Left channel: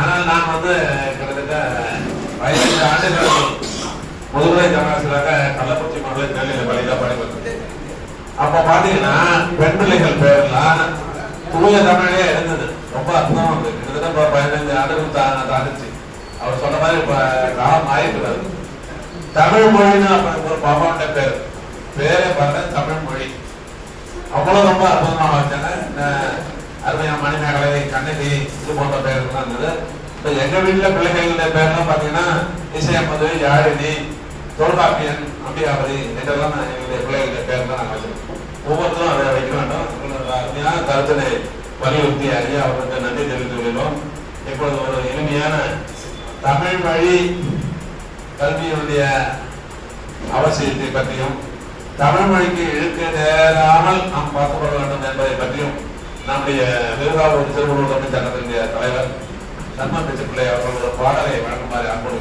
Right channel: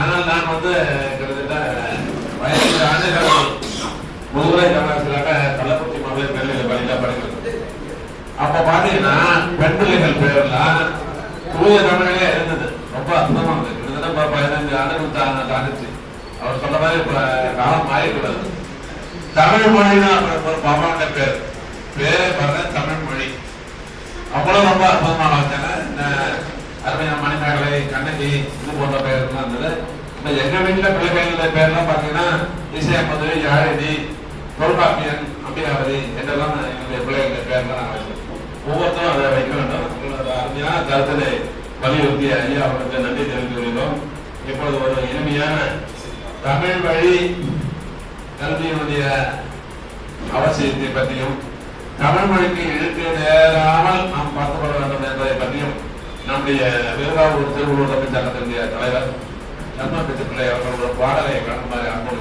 ஆனால் நான் கிட்டத்தட்ட 15 ஆண்டுகளுக்கு முதுகுறை கலாசிலாக கள்ளக்குறிச்சி மகளிர் மேல்நிலை பள்ளியில படிக்கிறது. அப்ப பாத்தீங்கன்னா பெண் பிள்ளைகள் பேர்லாம் தூய தமிழே இருந்தது. ரொம்ப அர்த்தமா இருந்தது. கிட்டத்தட்ட 15 ஆண்டுகள் தாண்டிச்சு. அவர் சொன்ன மாதிரி காலம் ஆயிக்கூடாது. தமிழ் மொழின்னு ஒரு பாப்பாண்ட பேரே பாருங்க, தமிழ் மொழி. அவ்வளவு ரொம்ப அற்புதமான வச்சாங்க. இந்த அருமையான மணிமேகலை, கண்ணகி, இது போன்ற பேருக்குலாம் இருந்தது. இப்ப எங்க வீட்டுல பிள்ளைகளுடைய பேர்லாம் பாத்தீங்கன்னா இசையம்மது, யாழினி, தொல்காப்பியன், அம்பிகாவதி என்றெல்லாம் எங்களுடைய பிள்ளைகளுடைய பேர்லாம் நாங்கள் ஒவ்வொருத்தரும் அதை வைக்க வேண்டும். அருமையான கருத்தினை வலியுறுத்தி ஐயா அவர்களுக்கு நன்றி தெரிவித்துக் கொள்கிறோம். இப்பொழுது ஒரு எளிமையான தமிழ் வழி கல்வியினுடைய அவசியத்தை பற்றியும் தமிழ் மொழிக்கு இழுக்க நேராமல் நாம் பார்த்துக் கொள்ள வேண்டும் என்பதை பற்றியும் நம்முடைய விருதாவூர் திருவள்ளூர் தமிழ் சங்கத்தினுடைய தலைவர் நம்ம பிள்ளை அவர்கள் ஒரு பாடலை வழங்குமாறு அன்போடு